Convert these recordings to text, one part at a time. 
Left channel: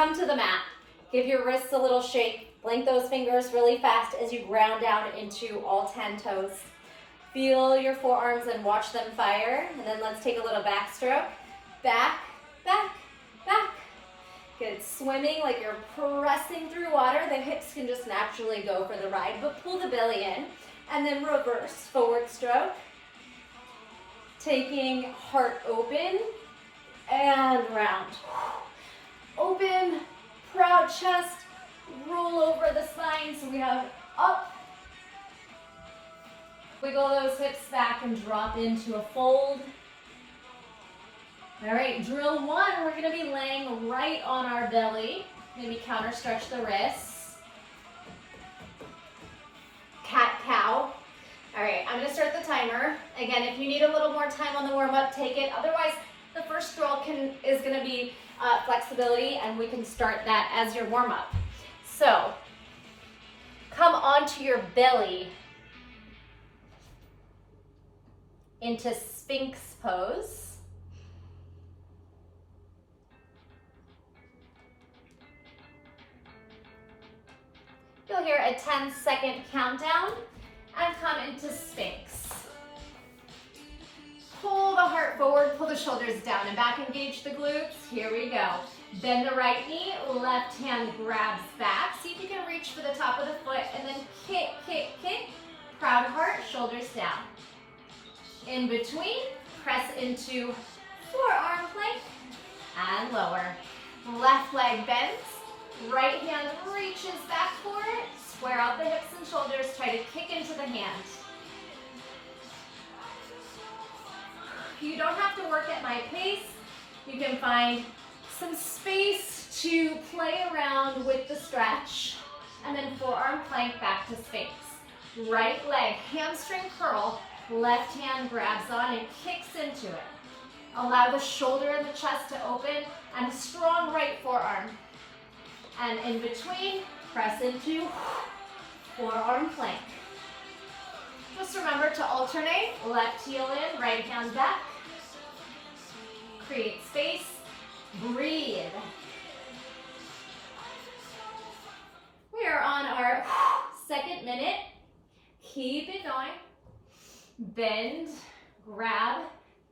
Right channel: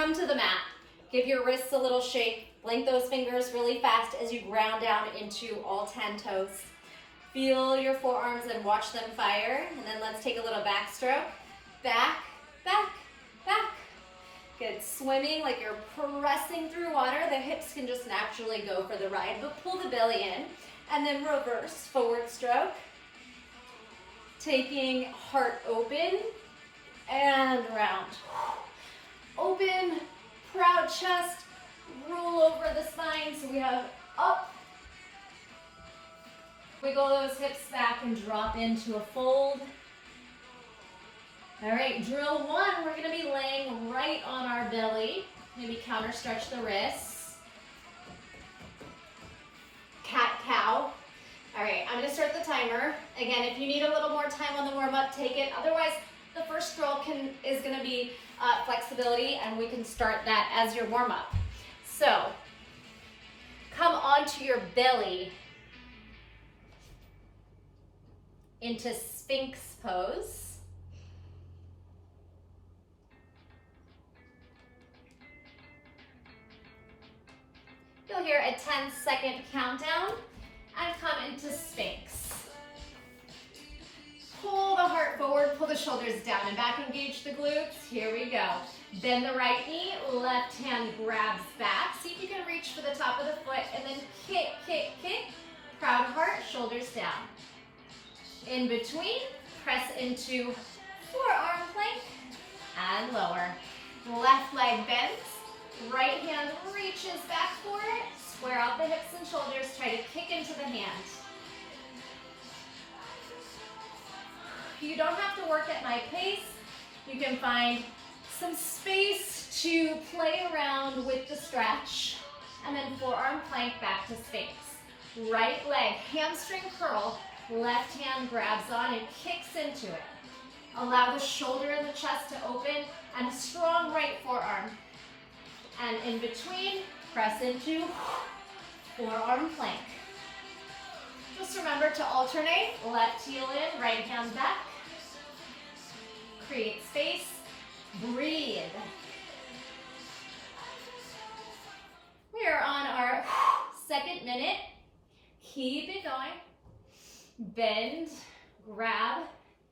come to the mat. Give your wrists a little shake. Blink those fingers really fast as you ground down into all 10 toes. Feel your forearms and watch them fire. And then let's take a little backstroke. Back, back, back. Good. Swimming like you're pressing through water. The hips can just naturally go for the ride, but pull the belly in. And then reverse, forward stroke. Taking heart open and round. Open, proud chest, roll over the spine. So we have up. Wiggle those hips back and drop into a fold. All right, drill one, we're gonna be laying right on our belly. Maybe counter stretch the wrists. Cat cow. All right, I'm gonna start the timer. Again, if you need a little more time on the warm up, take it. Otherwise, the first drill is gonna be flexibility, and we can start that as your warm up. So, come onto your belly into Sphinx pose. You'll hear a 10-second countdown and come into Sphinx. Pull the heart forward, pull the shoulders down and back, engage the glutes. Here we go. Bend the right knee, left hand grabs back. See if you can reach for the top of the foot and then kick, kick, kick. Proud heart, shoulders down. In between, press into forearm plank and lower. Left leg bends, right hand reaches back for it. Square out the hips and shoulders, try to kick into the hand. You don't have to work at my pace. You can find some space to play around with the stretch. And then forearm plank back to Sphinx. Right leg, hamstring curl, left hand grabs on and kicks into it. Allow the shoulder and the chest to open and a strong right forearm. And in between, press into forearm plank. Just remember to alternate, left heel in, right hand back. Create space, breathe. We are on our second minute. Keep it going. Bend, grab,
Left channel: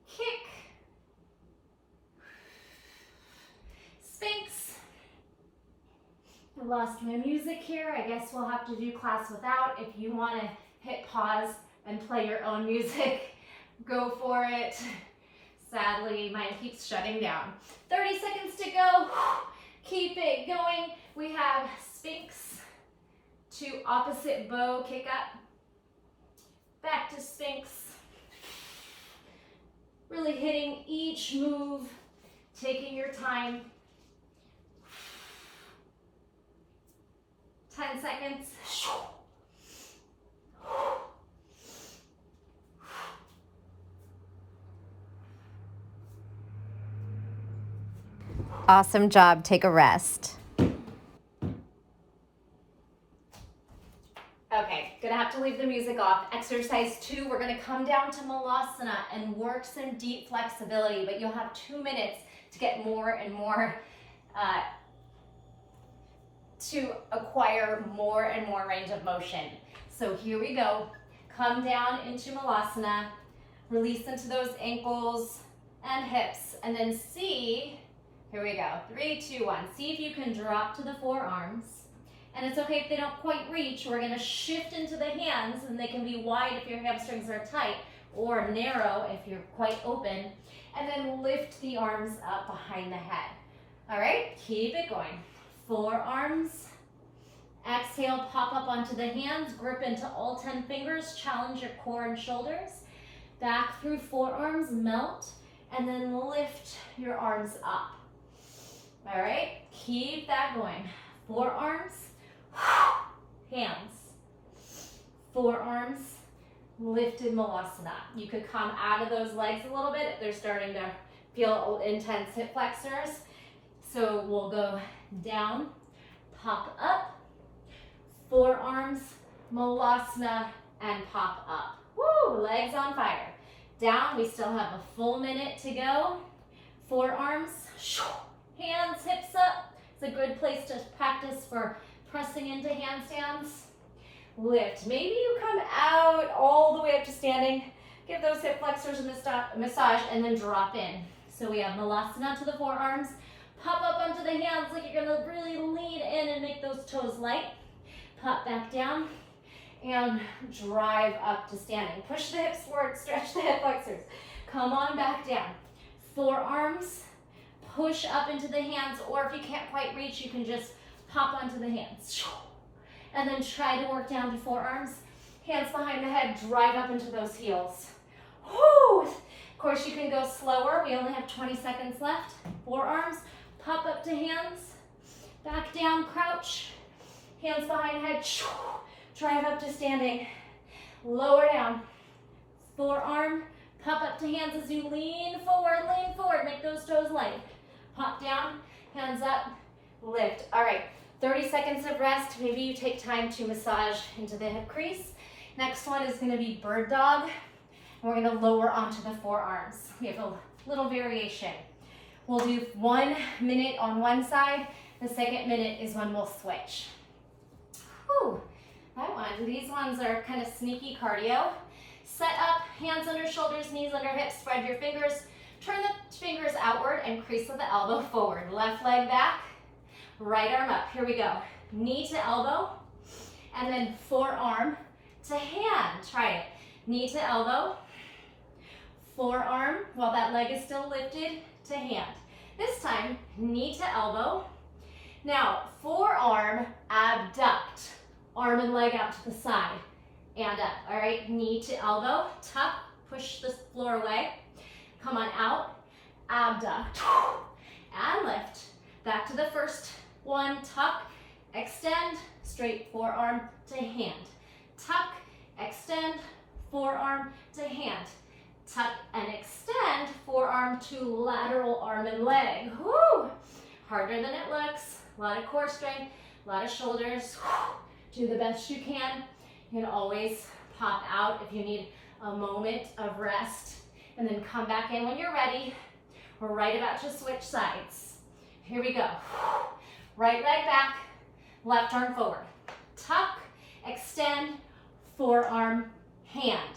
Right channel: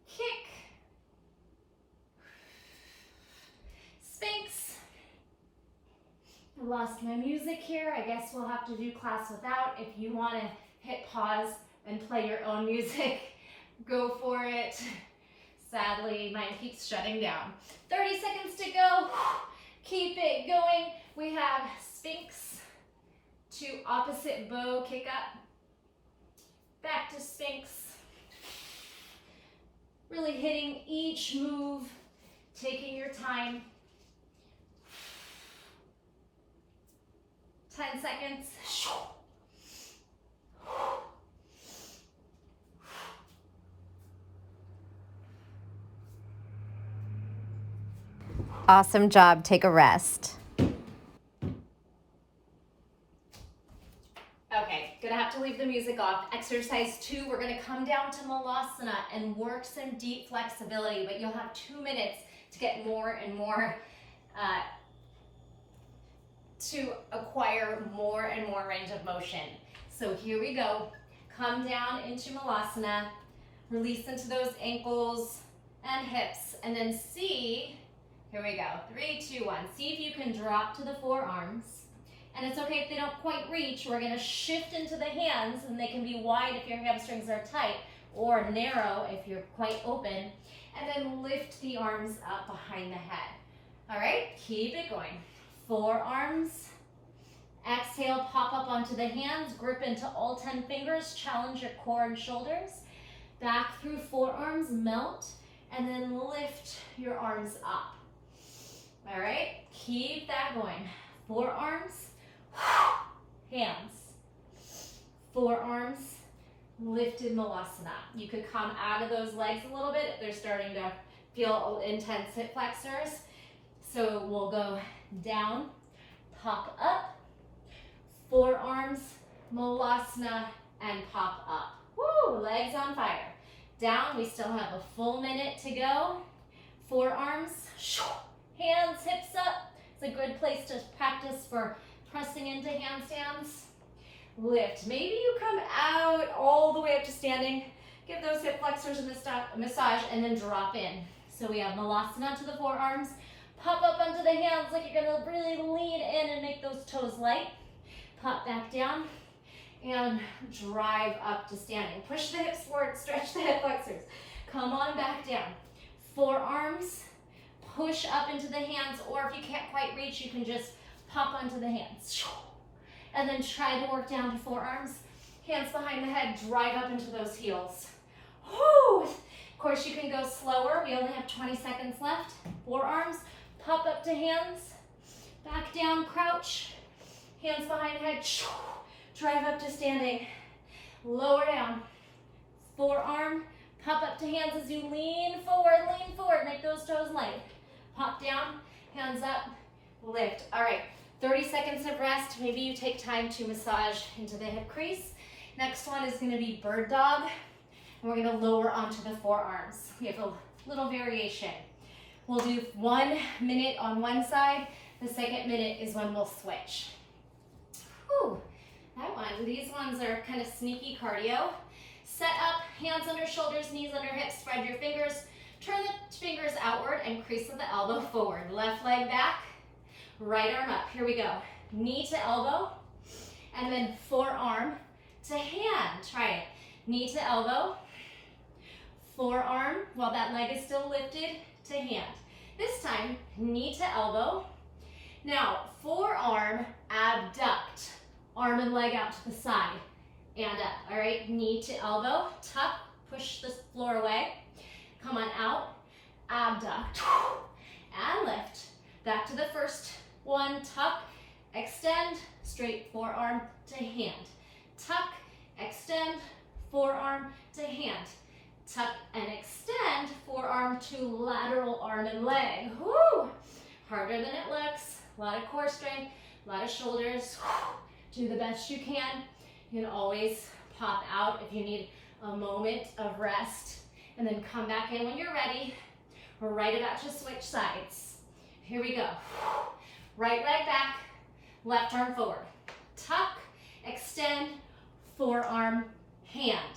kick. Sphinx. I lost my music here. I guess we'll have to do class without. If you want to hit pause and play your own music, go for it. Sadly, mine keeps shutting down. 30 seconds to go. Keep it going. We have Sphinx to opposite bow kick up. Back to Sphinx. Really hitting each move, taking your time. 10 seconds. Awesome job. Take a rest. Okay, gonna have to leave the music off. Exercise 2, we're gonna come down to Malasana and work some deep flexibility, but you'll have 2 minutes to get more and more, to acquire more and more range of motion. So here we go. Come down into Malasana, release into those ankles and hips, and then see, here we go, 3, 2, 1. See if you can drop to the forearms. And it's okay if they don't quite reach. We're gonna shift into the hands, and they can be wide if your hamstrings are tight, or narrow if you're quite open. And then lift the arms up behind the head. All right, keep it going. Forearms. Exhale, pop up onto the hands, grip into all 10 fingers, challenge your core and shoulders. Back through forearms, melt, and then lift your arms up. All right, keep that going. Forearms, hands. Forearms, lifted Malasana. You could come out of those legs a little bit if they're starting to feel intense hip flexors. So we'll go down, pop up, forearms, Malasana, and pop up. Woo, legs on fire. Down, we still have a full minute to go. Forearms, hands, hips up. It's a good place to practice for pressing into handstands. Lift. Maybe you come out all the way up to standing. Give those hip flexors a massage and then drop in. So we have Malasana to the forearms. Pop up onto the hands like you're gonna really lean in and make those toes light. Pop back down and drive up to standing. Push the hips forward, stretch the hip flexors. Come on back down. Forearms, push up into the hands, or if you can't quite reach, you can just pop onto the hands. And then try to work down to forearms. Hands behind the head, drive up into those heels. Woo! Of course, you can go slower. We only have 20 seconds left. Forearms, pop up to hands. Back down, crouch. Hands behind the head, drive up to standing. Lower down. Forearm, pop up to hands as you lean forward, make those toes light. Pop down, hands up, lift. All right, 30 seconds of rest. Maybe you take time to massage into the hip crease. Next one is gonna be bird dog. And we're gonna lower onto the forearms. We have a little variation. We'll do 1 minute on one side. The second minute is when we'll switch. Whew, that one. These ones are kind of sneaky cardio. Set up, hands under shoulders, knees under hips, spread your fingers. Turn the fingers outward and crease with the elbow forward. Left leg back, right arm up. Here we go. Knee to elbow, and then forearm to hand. Try it. Knee to elbow, forearm, while that leg is still lifted, to hand. This time, knee to elbow. Now, forearm, abduct. Arm and leg out to the side and up. All right, knee to elbow, tuck, push the floor away. Come on out, abduct, and lift. Back to the first one, tuck, extend, straight forearm to hand. Tuck, extend, forearm to hand. Tuck and extend, forearm to lateral arm and leg. Woo! Harder than it looks. A lot of core strength, a lot of shoulders. Do the best you can. You can always pop out if you need a moment of rest, and then come back in when you're ready. We're right about to switch sides. Here we go. Right leg back, left arm forward. Tuck, extend, forearm, hand.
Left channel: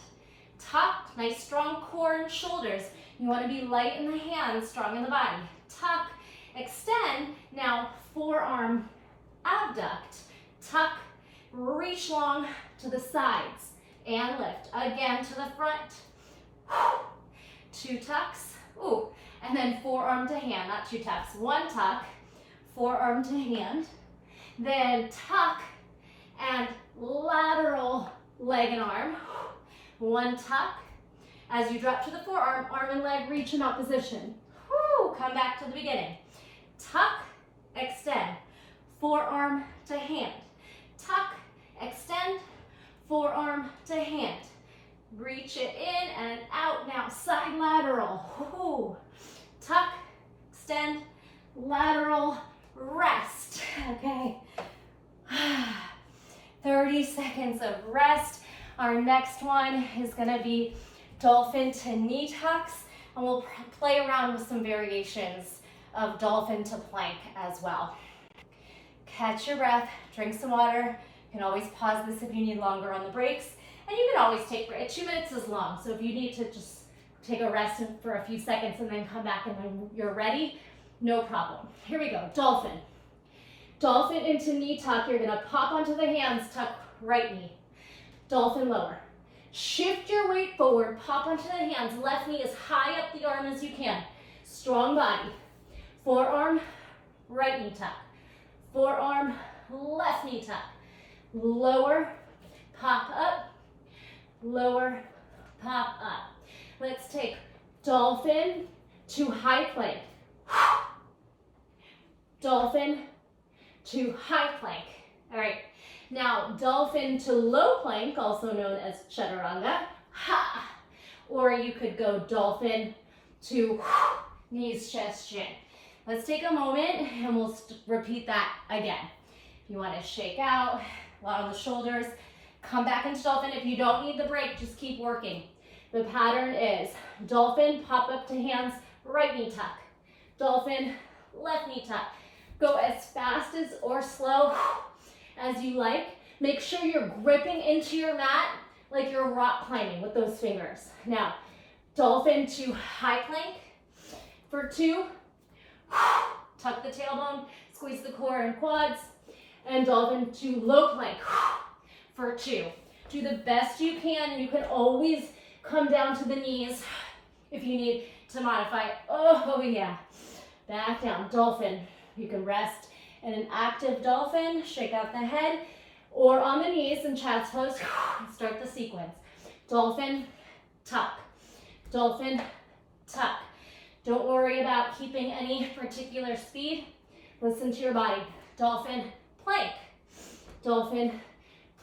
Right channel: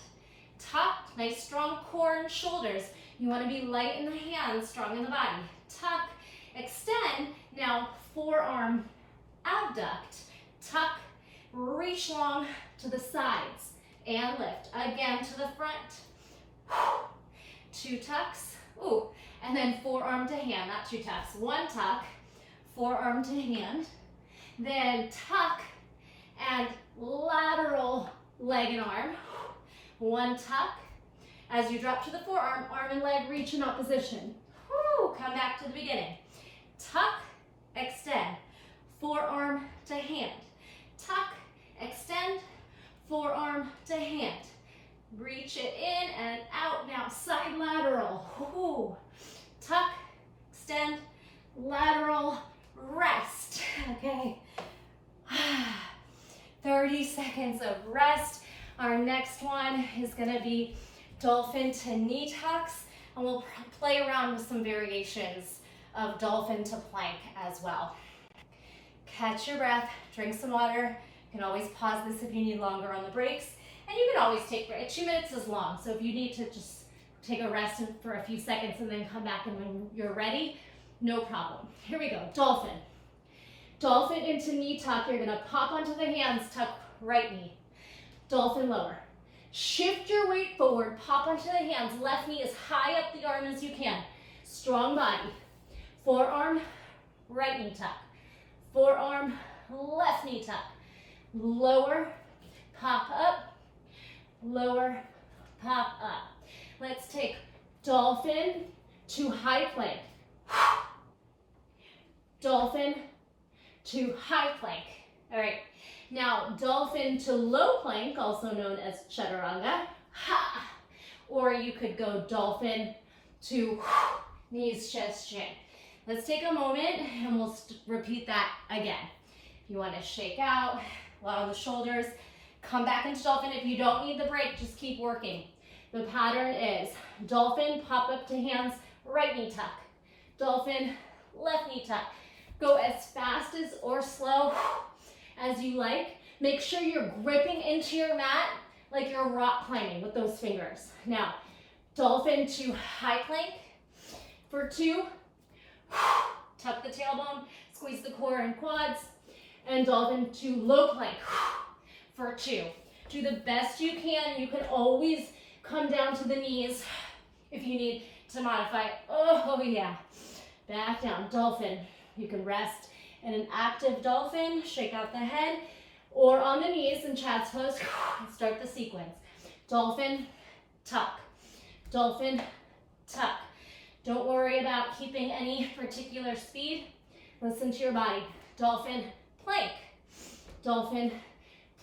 Tuck, nice strong core and shoulders. You want to be light in the hands, strong in the body. Tuck, extend, now forearm, abduct. Tuck, reach long to the sides and lift. Again to the front. 2 tucks. Ooh, and then forearm to hand, not 2 tucks. 1 tuck, forearm to hand. Then tuck and lateral leg and arm. 1 tuck. As you drop to the forearm, arm and leg reach in opposition. Woo, come back to the beginning. Tuck, extend, forearm to hand. Tuck, extend, forearm to hand. Reach it in and out. Now side lateral. Woo. Tuck, extend, lateral, rest. Okay. 30 seconds of rest. Our next one is going to be dolphin to knee tucks, and we'll play around with some variations of dolphin to plank as well. Catch your breath, drink some water. You can always pause this if you need longer on the breaks, and you can always take 2 minutes is long, so if you need to just take a rest for a few seconds and then come back and when you're ready, no problem. Here we go, dolphin. Dolphin into knee tuck. You're gonna pop onto the hands, tuck right knee. Dolphin lower. Shift your weight forward, pop onto the hands, left knee as high up the arm as you can. Strong body. Forearm, right knee tuck. Forearm, left knee tuck. Lower, pop up, lower, pop up. Let's take dolphin to high plank. Dolphin to high plank. All right. Now, dolphin to low plank, also known as chaturanga. Ha! Or you could go dolphin to knees, chest, chin. Let's take a moment and we'll repeat that again. If you want to shake out, allow the shoulders, come back into dolphin. If you don't need the break, just keep working. The pattern is dolphin, pop up to hands, right knee tuck. Dolphin, left knee tuck. Go as fast as or slow as you like. Make sure you're gripping into your mat like you're rock climbing with those fingers. Now, dolphin to high plank for 2. Tuck the tailbone, squeeze the core and quads, and dolphin to low plank for 2. Do the best you can. You can always come down to the knees if you need to modify. Oh yeah, back down, dolphin. You can rest in an active dolphin, shake out the head, or on the knees in child's pose, start the sequence. Dolphin, tuck, dolphin, tuck. Don't worry about keeping any particular speed. Listen to your body. Dolphin, plank, dolphin,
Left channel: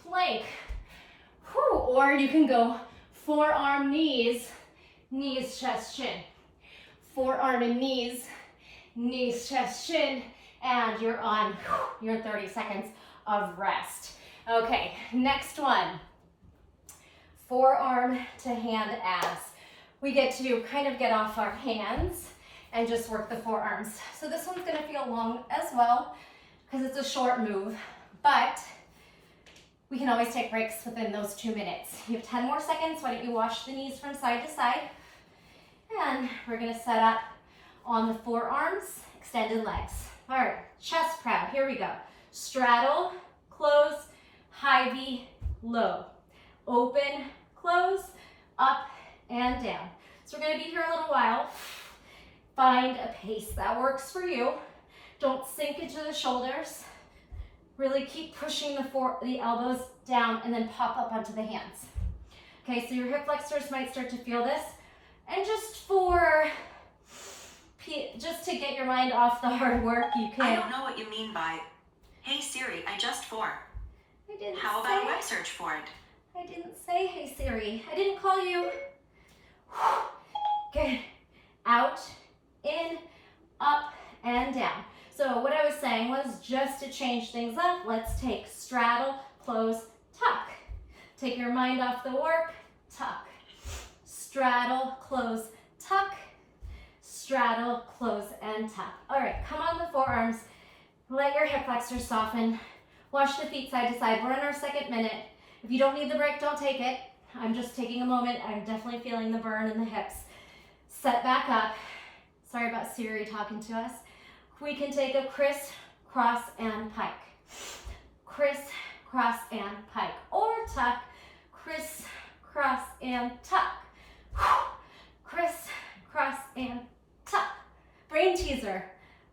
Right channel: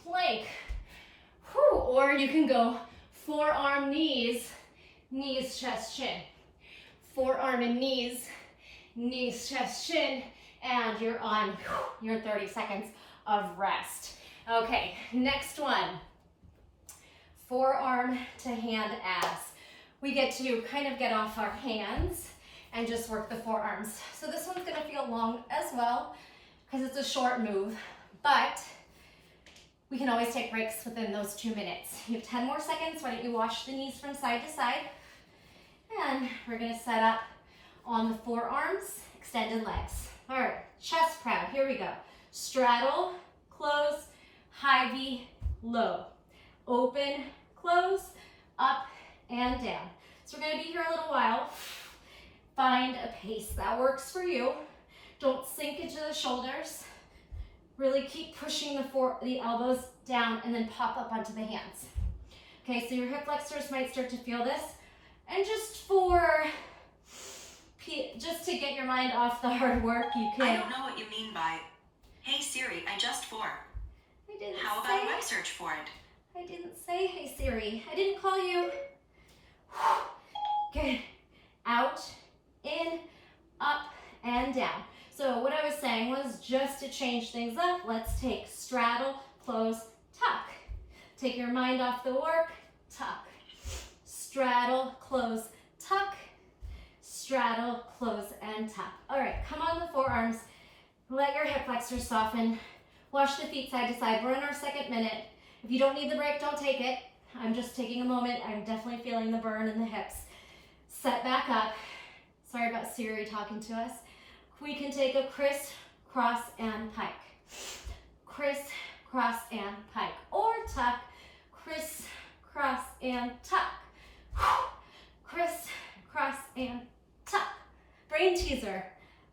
plank. Whew. Or you can go forearm, knees, knees, chest, chin. Forearm and knees, knees, chest, chin, and you're on your 30 seconds of rest. Okay, next one. Forearm to hand abs. We get to kind of get off our hands and just work the forearms. So this one's gonna feel long as well because it's a short move, but we can always take breaks within those 2 minutes. You have 10 more seconds. Why don't you wash the knees from side to side? And we're gonna set up on the forearms, extended legs. All right, chest proud, here we go. Straddle, close, high V, low. Open, close, up and down. So we're gonna be here a little while. Find a pace that works for you. Don't sink into the shoulders. Really keep pushing the elbows down and then pop up onto the hands. Okay, so your hip flexors might start to feel this. And just to get your mind off the hard work, you can. I don't know what you mean by, hey Siri, I just fought. How about a web search for it? I didn't say, hey Siri. I didn't call you. Okay, out, in, up, and down. So what I was saying was just to change things up, let's take straddle, close, tuck. Take your mind off the work, tuck. Straddle, close, tuck. Straddle, close, and tuck. All right, come on the forearms. Let your hip flexors soften. Wash the feet side to side. We're in our 2nd minute. If you don't need the break, don't take it. I'm just taking a moment. I'm definitely feeling the burn in the hips. Set back up. Sorry about Siri talking to us. We can take a criss, cross, and pike. Criss, cross, and pike. Or tuck, criss, cross, and tuck. Criss, cross, and tuck. Brain teaser.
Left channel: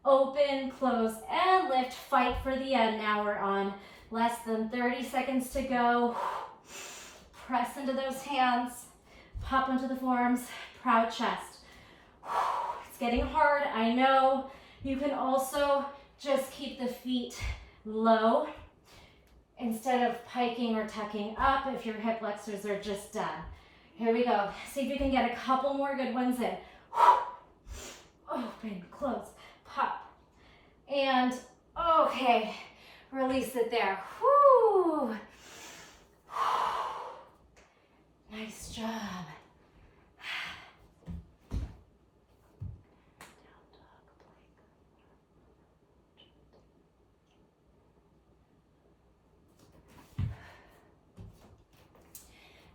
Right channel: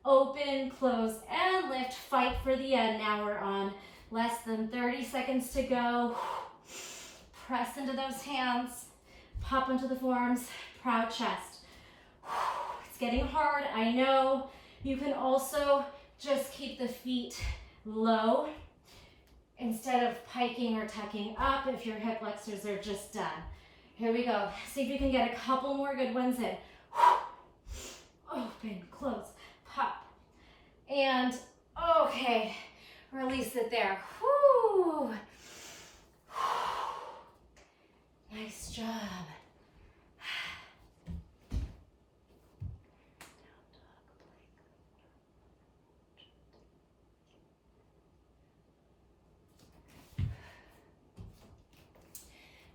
Open, close, and lift. Fight for the end. Now we're on less than 30 seconds to go. Press into those hands. Pop into the forearms. Proud chest. It's getting hard, I know. You can also just keep the feet low instead of piking or tucking up if your hip flexors are just done. Here we go. See if you can get a couple more good ones in. Open, close, pop. And okay, release it there. Whew. Nice job.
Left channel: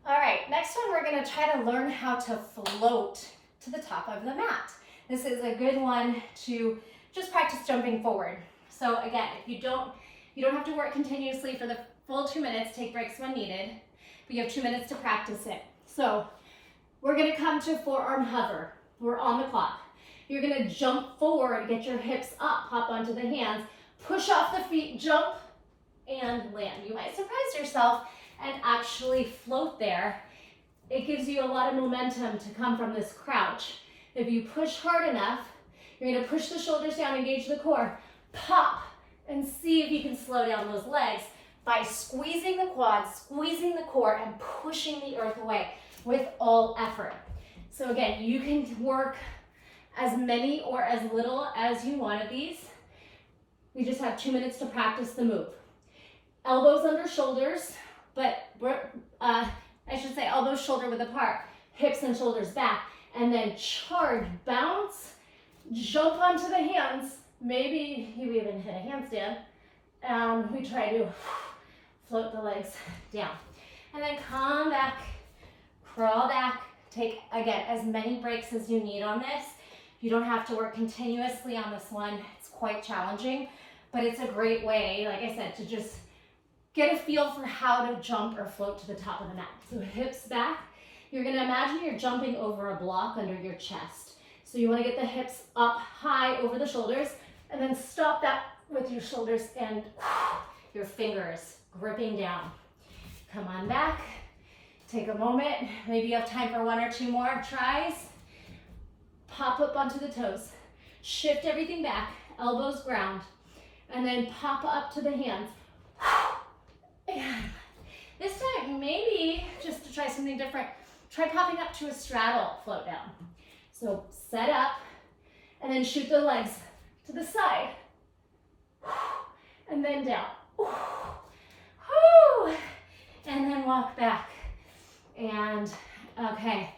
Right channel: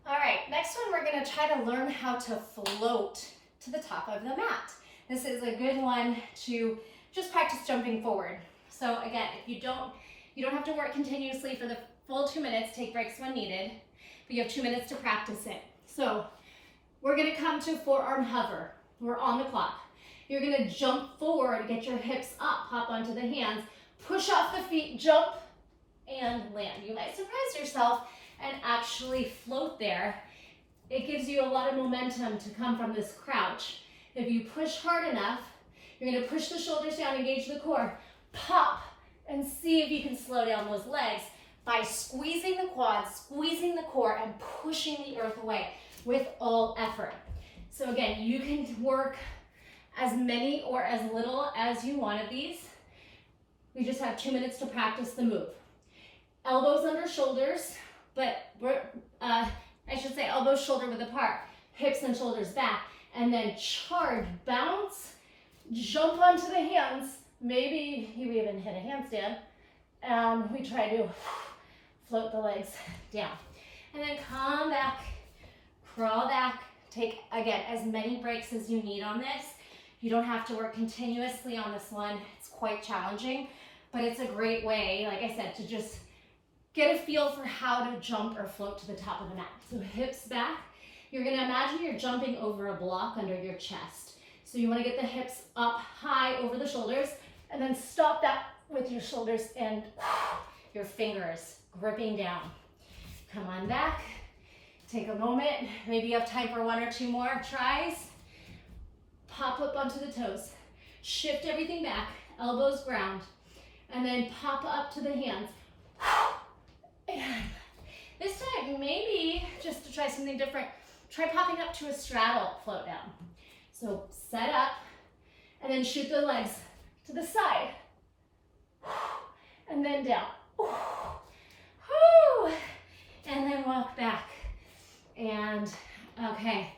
All right, next one we're gonna try to learn how to float to the top of the mat. This is a good one to just practice jumping forward. So again, if you don't have to work continuously for the full 2 minutes, take breaks when needed, but you have 2 minutes to practice it. So we're gonna come to forearm hover. We're on the clock. You're gonna jump forward, get your hips up, hop onto the hands, push off the feet, jump, and land. You might surprise yourself and actually float there. It gives you a lot of momentum to come from this crouch. If you push hard enough, you're gonna push the shoulders down, engage the core, pop, and see if you can slow down those legs by squeezing the quads, squeezing the core, and pushing the earth away with all effort. So again, you can work as many or as little as you want of these. We just have 2 minutes to practice the move. Elbows under shoulders, but I should say elbows shoulder width apart, hips and shoulders back, and then charge, bounce, jump onto the hands, Maybe you even hit a handstand, and we try to float the legs down. And then come back, crawl back. Take, again, as many breaks as you need on this. You don't have to work continuously on this one. It's quite challenging, but it's a great way, like I said, to just get a feel for how to jump or float to the top of the mat. So hips back. You're gonna imagine you're jumping over a block under your chest. So you wanna get the hips up high over the shoulders, and then stop that with your shoulders and your fingers gripping down. Come on back. Take a moment. Maybe you have time for 1 or 2 more tries. Pop up onto the toes. Shift everything back, elbows ground, and then pop up to the hands. And this time, maybe just to try something different, try popping up to a straddle float down. So set up, and then shoot the legs to the side, and then down. And then walk back. And okay,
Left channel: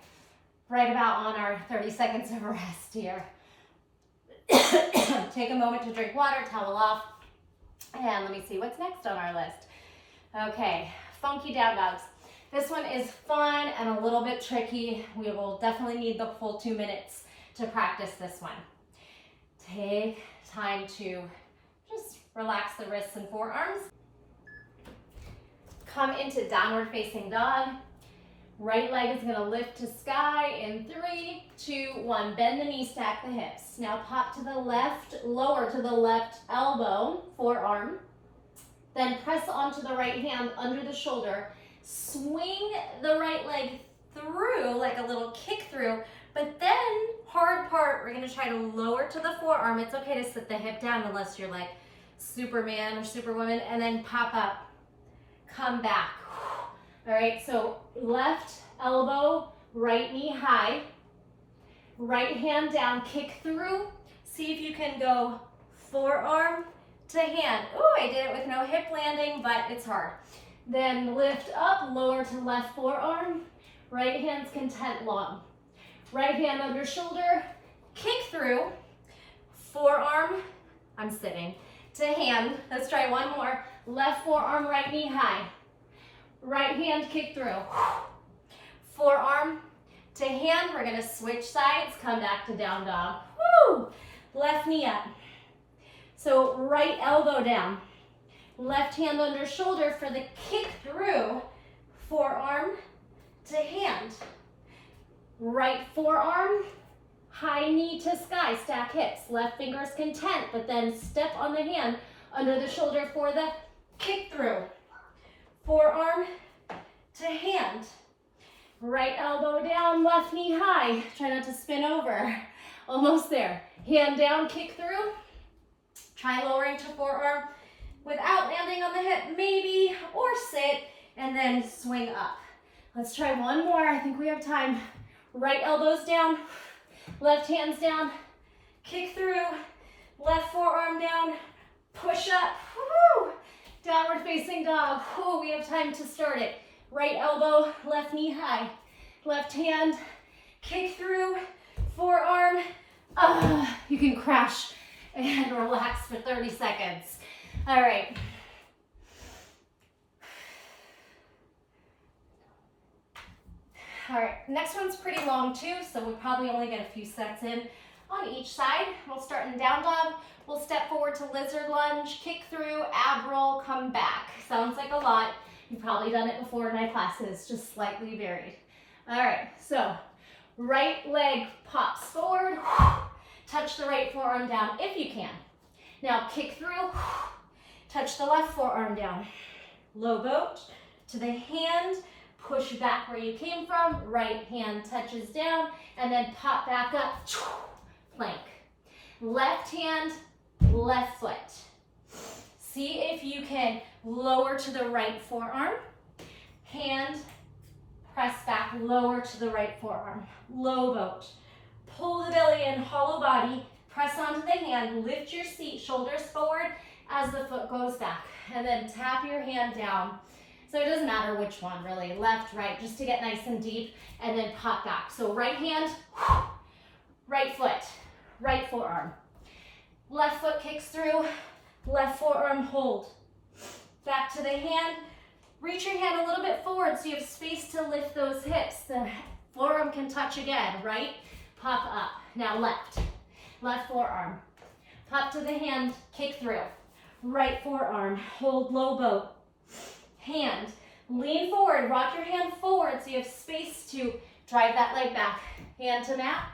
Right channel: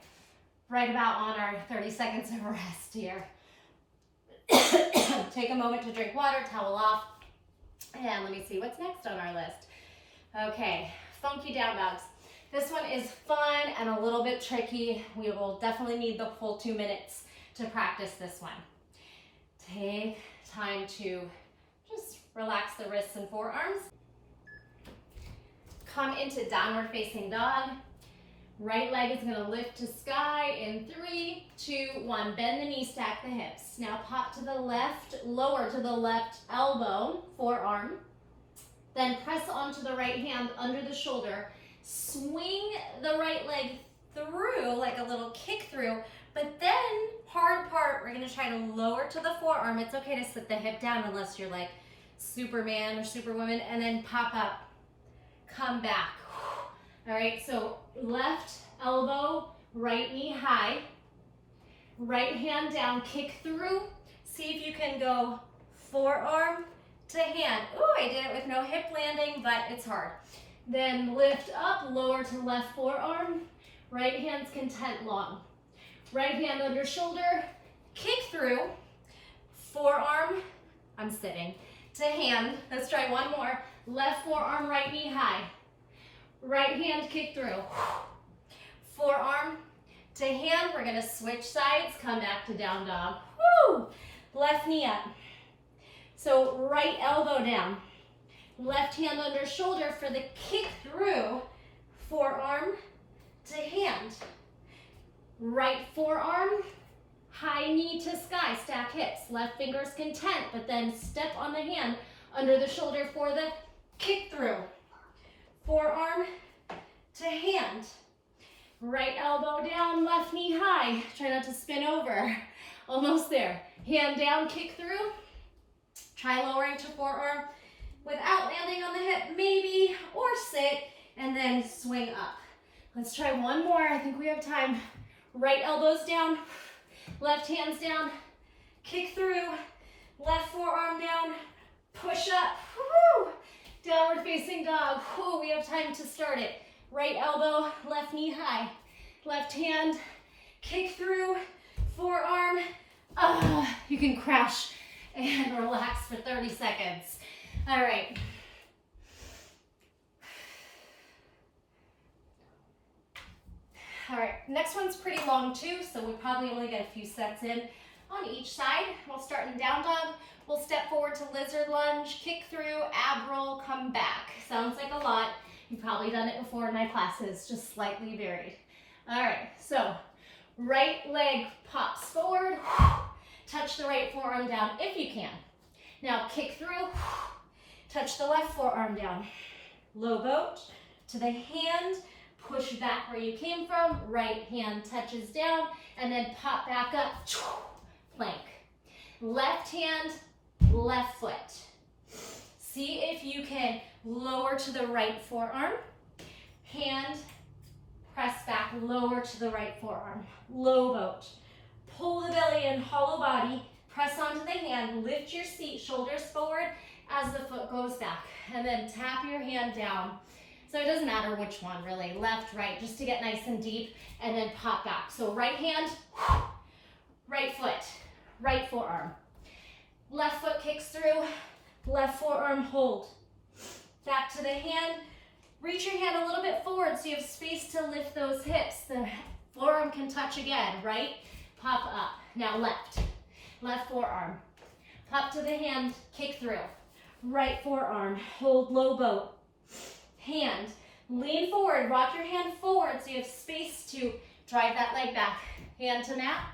right about on our 30 seconds of rest here. Take a moment to drink water, towel off, and let me see what's next on our list. Okay, funky down dogs. This one is fun and a little bit tricky. We will definitely need the full 2 minutes to practice this one. Take time to just relax the wrists and forearms. Come into downward facing dog. Right leg is gonna lift to sky in 3, 2, 1. Bend the knee, stack the hips. Now pop to the left, lower to the left elbow, forearm. Then press onto the right hand under the shoulder. Swing the right leg through, like a little kick through, but then hard part, we're gonna try to lower to the forearm. It's okay to sit the hip down unless you're like Superman or Superwoman, and then pop up, come back. All right, so left elbow, right knee high, right hand down, kick through. See if you can go forearm to hand. Oh, I did it with no hip landing, but it's hard. Then lift up, lower to left forearm, right hand's content long. Right hand under shoulder, kick through, forearm, I'm sitting, to hand. Let's try one more. Left forearm, right knee high. Right hand kick through. Forearm to hand. We're gonna switch sides, come back to down dog. Woo! Left knee up. So right elbow down. Left hand under shoulder for the kick through. Forearm to hand. Right forearm, high knee to sky, stack hips. Left finger's content, but then step on the hand under the shoulder for the kick through. Forearm to hand. Right elbow down, left knee high. Try not to spin over. Almost there. Hand down, kick through. Try lowering to forearm without landing on the hip, maybe, or sit, and then swing up. Let's try one more. I think we have time. Right elbows down, left hands down, kick through, left forearm down, push up. Woo! Downward facing dog. Oh, we have time to start it. Right elbow, left knee high. Left hand, kick through, forearm. You can crash and relax for 30 seconds. All right. All right, next one's pretty long too, so we'll probably only get a few sets in on each side. We'll start in down dog. We'll step forward to lizard lunge, kick through, ab roll, come back. Sounds like a lot. You've probably done it before in my classes, just slightly varied. All right, so right leg pops forward, touch the right forearm down if you can. Now kick through, touch the left forearm down. Low boat to the hand, push back where you came from, right hand touches down, and then pop back up, plank. Left hand, left foot. See if you can lower to the right forearm. Hand, press back, lower to the right forearm. Low boat. Pull the belly in, hollow body, press onto the hand, lift your seat, shoulders forward as the foot goes back. And then tap your hand down. So it doesn't matter which one really, left, right, just to get nice and deep, and then pop back. So right hand, right foot, right forearm. Left foot kicks through, left forearm hold. Back to the hand. Reach your hand a little bit forward so you have space to lift those hips. The forearm can touch again, right? Pop up. Now left forearm. Pop to the hand, kick through. Right forearm, hold low boat. Hand, lean forward, rock your hand forward so you have space to drive that leg back. Hand to mat,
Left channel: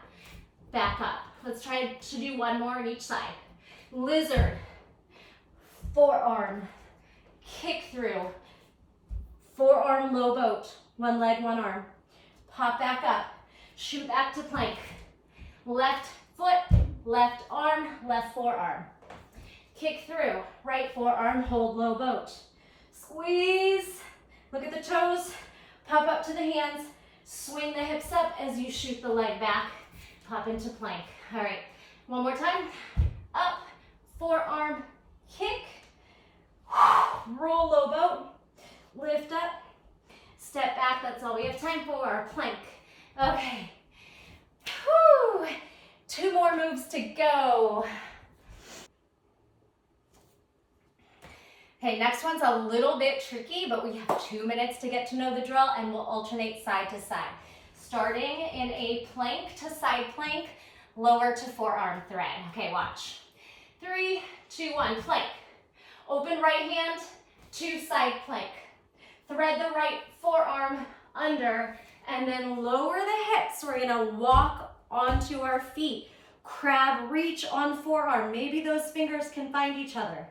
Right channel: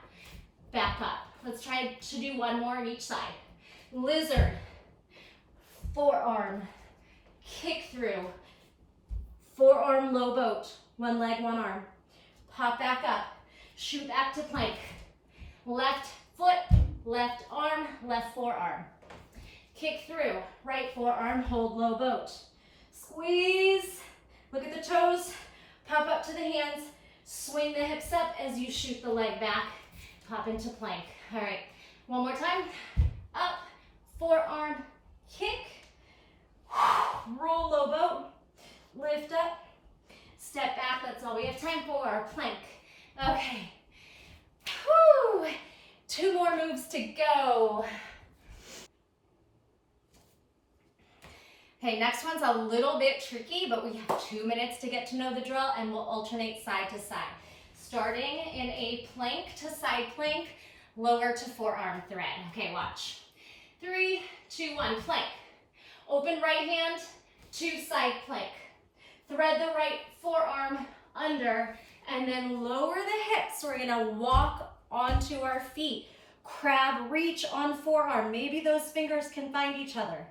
back up. Let's try to do one more on each side. Lizard, forearm, kick through. Forearm low boat, one leg, one arm. Pop back up, shoot back to plank. Left foot, left arm, left forearm. Kick through, right forearm, hold low boat. Squeeze, look at the toes, pop up to the hands, swing the hips up as you shoot the leg back, pop into plank. All right, one more time. Up, forearm, kick, roll low boat, lift up, step back. That's all we have time for, plank. Okay, whew. 2 more moves to go. Okay, next one's a little bit tricky, but we have 2 minutes to get to know the drill, and we'll alternate side to side. Starting in a plank to side plank, lower to forearm thread. Okay, watch. 3, 2, 1, plank. Open right hand to side plank. Thread the right forearm under, and then lower the hips. We're gonna walk onto our feet. Crab reach on forearm. Maybe those fingers can find each other.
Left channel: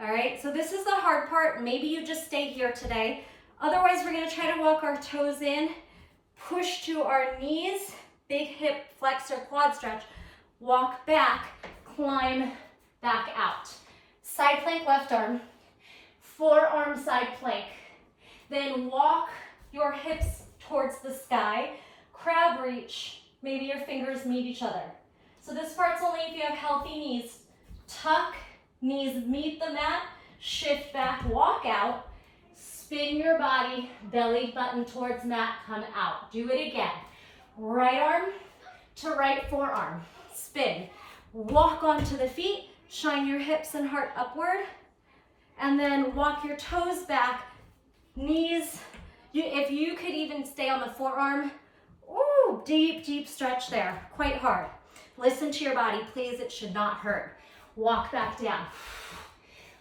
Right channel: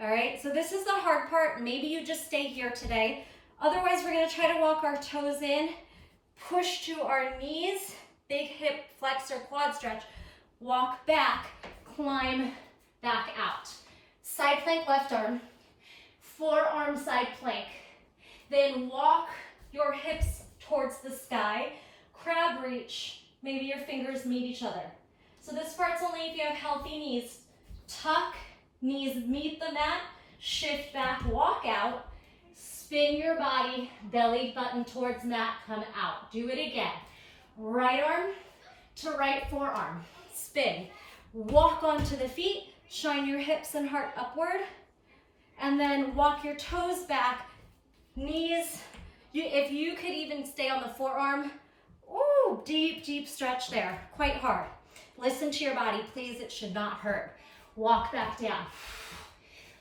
All right, so this is the hard part. Maybe you just stay here today. Otherwise, we're gonna try to walk our toes in, push to our knees, big hip flex or quad stretch, walk back, climb back out. Side plank, left arm, forearm side plank. Then walk your hips towards the sky, crab reach, maybe your fingers meet each other. So this part's only if you have healthy knees. Tuck, knees meet the mat, shift back, walk out, spin your body, belly button towards mat, come out. Do it again. Right arm to right forearm, spin. Walk onto the feet, shine your hips and heart upward, and then walk your toes back, knees. If you could even stay on the forearm, ooh, deep, deep stretch there, quite hard. Listen to your body, please, it should not hurt. Walk back down.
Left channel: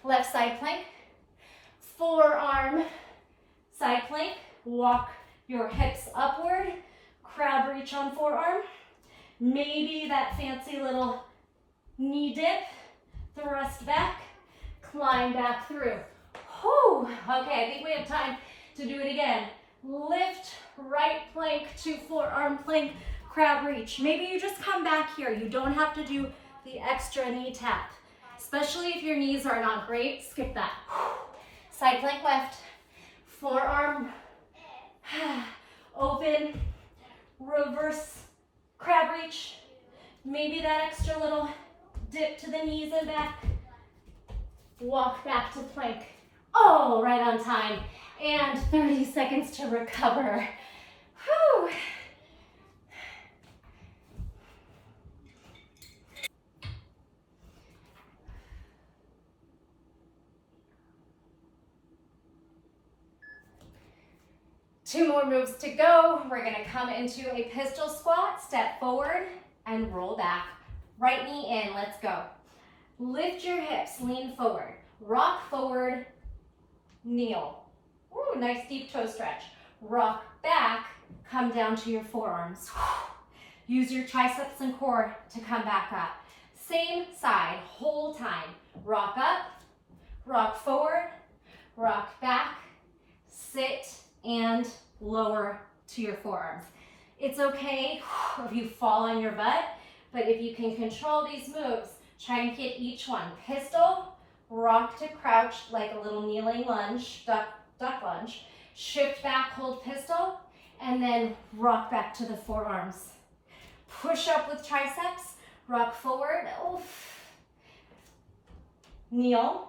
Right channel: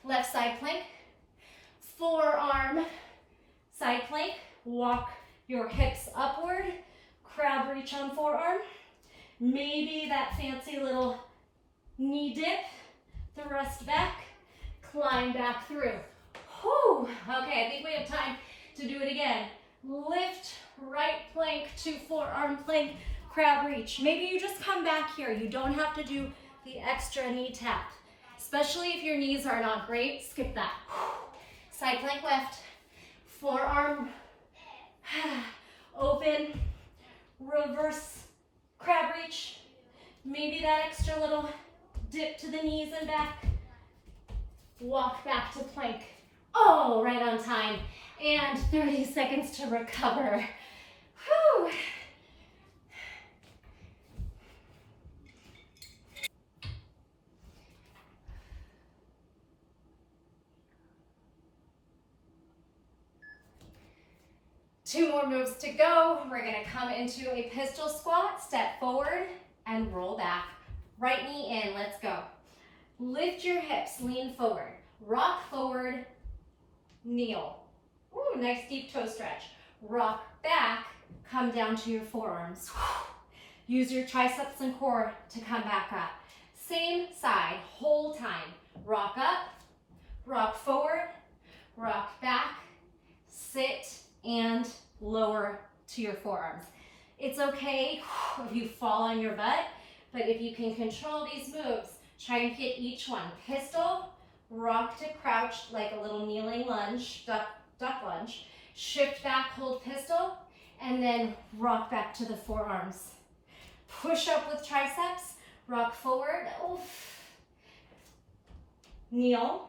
Left side plank, forearm side plank, walk your hips upward, crab reach on forearm, maybe that fancy little knee dip, thrust back, climb back through. Whew. Okay, I think we have time to do it again. Lift right plank to forearm plank, crab reach. Maybe you just come back here. You don't have to do the extra knee tap, especially if your knees are not great. Skip that. Side plank left, forearm, open, reverse crab reach. Maybe that extra little dip to the knees and back. Walk back to plank. Oh, right on time. And 30 seconds to recover. Whew. Two more moves to go. We're gonna come into a pistol squat, step forward and roll back. Right knee in, let's go. Lift your hips, lean forward. Rock forward, kneel. Ooh, nice deep toe stretch. Rock back, come down to your forearms. Use your triceps and core to come back up. Same side, whole time. Rock up, rock forward, rock back, sit, and lower to your forearms. It's okay if you fall on your butt, but if you can control these moves, try and hit each one. Pistol, rock to crouch like a little kneeling lunge, duck lunge. Shift back, hold pistol, and then rock back to the forearms. Push up with triceps, rock forward, oof. Kneel,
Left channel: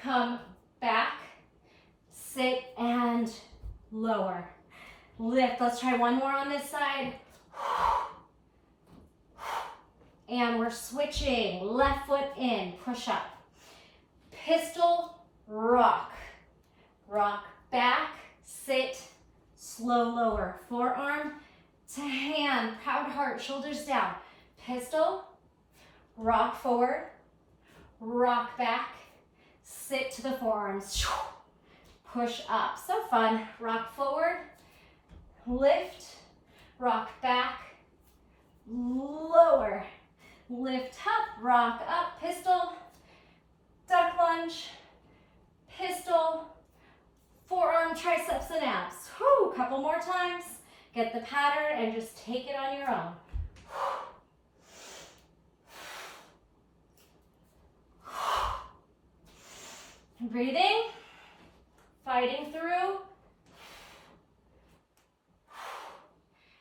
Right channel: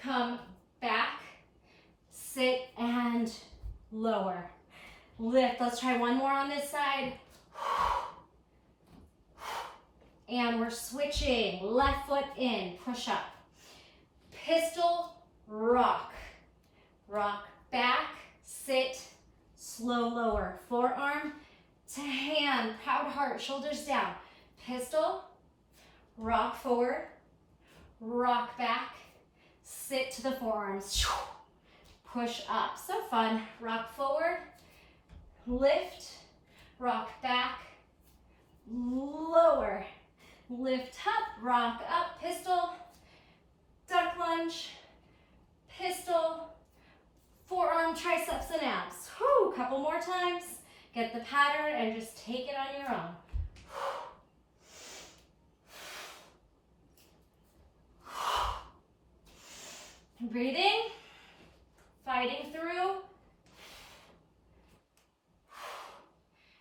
come back, sit, and lower. Lift, let's try one more on this side. And we're switching, left foot in, push up. Pistol, rock. Rock back, sit, slow lower. Forearm to hand, proud heart, shoulders down. Pistol, rock forward, rock back, sit to the forearms. Push up, so fun. Rock forward, lift, rock back, lower. Lift up, rock up, pistol, duck lunge, pistol, forearm, triceps, and abs. Whew, couple more times. Get the pattern and just take it on your own. Breathing, fighting through.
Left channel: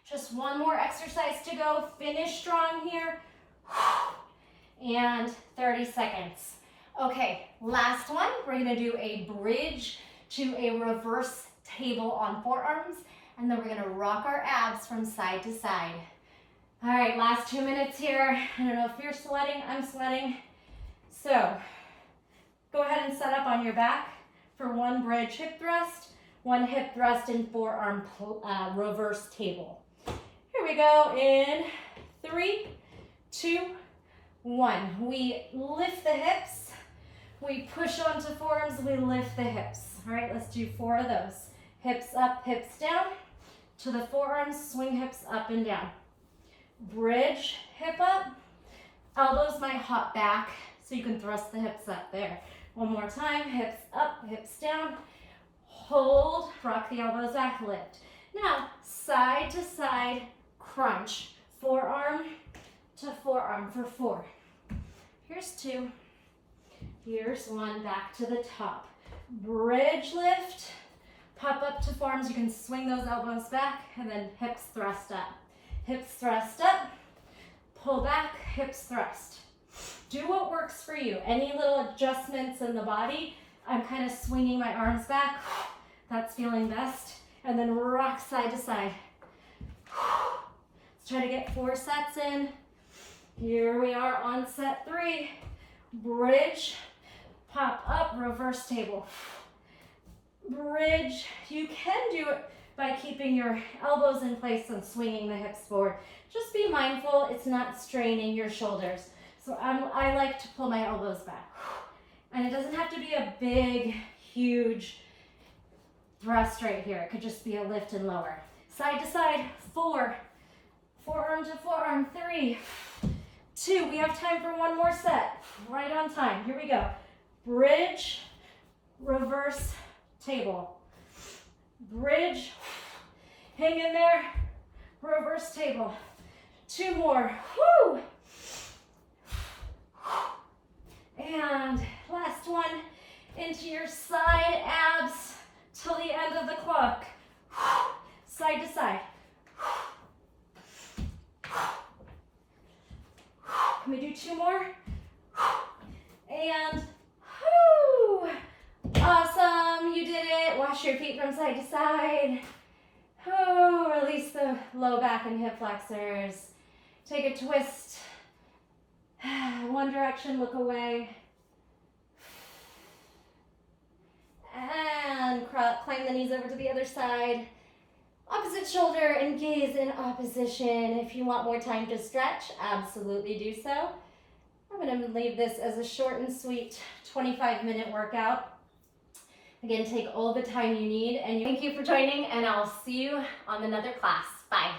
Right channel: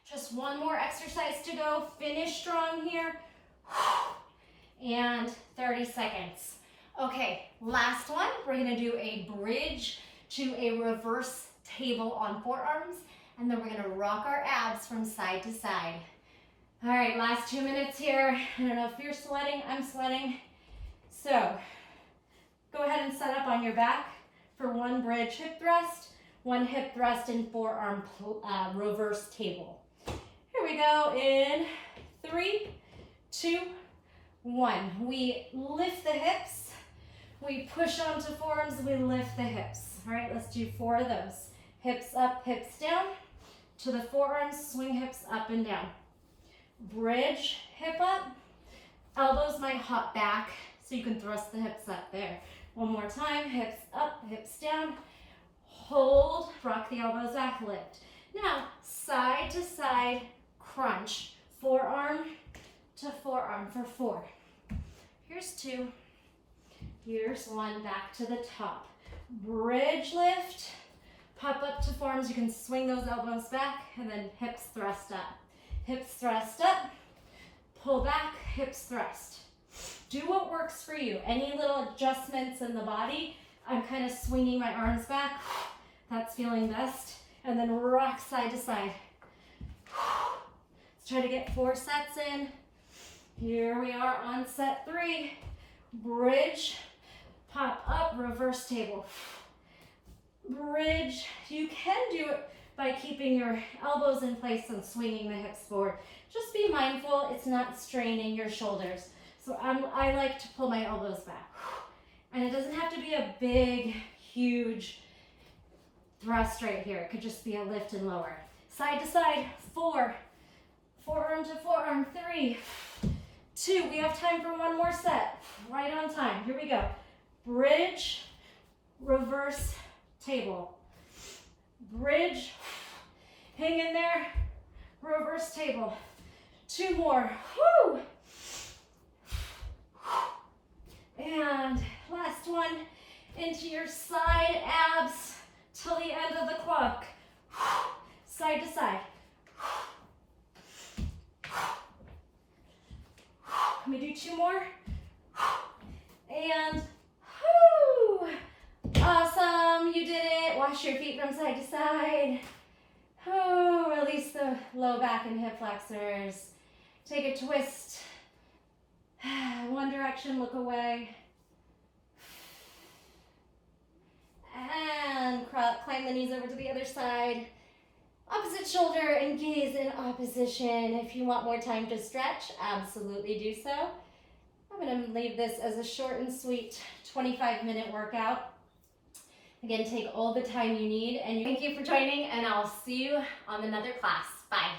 Just one more exercise to go. Finish strong here. And 30 seconds. Okay, last one. We're gonna do a bridge to a reverse table on forearms, and then we're gonna rock our abs from side to side. All right, last 2 minutes here. I don't know if you're sweating, I'm sweating. So, go ahead and set up on your back for one bridge hip thrust, one hip thrust and forearm reverse table. Here we go in 3, 2, 1. We lift the hips, we push onto forearms, we lift the hips. All right, let's do 4 of those. Hips up, hips down, to the forearms, swing hips up and down. Bridge, hip up, elbows might hop back, so you can thrust the hips up there. One more time, hips up, hips down, hold, rock the elbows back, lift. Now, side to side crunch, forearm to forearm for 4. Here's 2, here's 1, back to the top. Bridge lift, pop up to forearms, you can swing those elbows back, and then hips thrust up. Hips thrust up, pull back, hips thrust. Do what works for you. Any little adjustments in the body, I'm kind of swinging my arms back, that's feeling best, and then rock side to side. Let's try to get 4 sets in. Here we are on set 3. Bridge, pop up, reverse table. Bridge, you can do it by keeping your elbows in place and swinging the hips forward. Just be mindful it's not straining your shoulders. So I like to pull my elbows back. And it doesn't have to be a big, huge thrust right here. It could just be a lift and lower. Side to side, 4. Forearm to forearm, 3, 2. We have time for one more set. Right on time. Here we go. Bridge, reverse table. Bridge, hang in there, reverse table. 2 more. Woo! And last one, into your side abs till the end of the clock. Side to side. Can we do 2 more? And whoo! Awesome, you did it. Wash your feet from side to side. Oh, release the low back and hip flexors. Take a twist. One direction, look away. And climb the knees over to the other side. Opposite shoulder and gaze in opposition. If you want more time to stretch, absolutely do so. I'm going to leave this as a short and sweet 25-minute workout. Again, take all the time you need. And thank you for joining, and I'll see you on another class. Bye.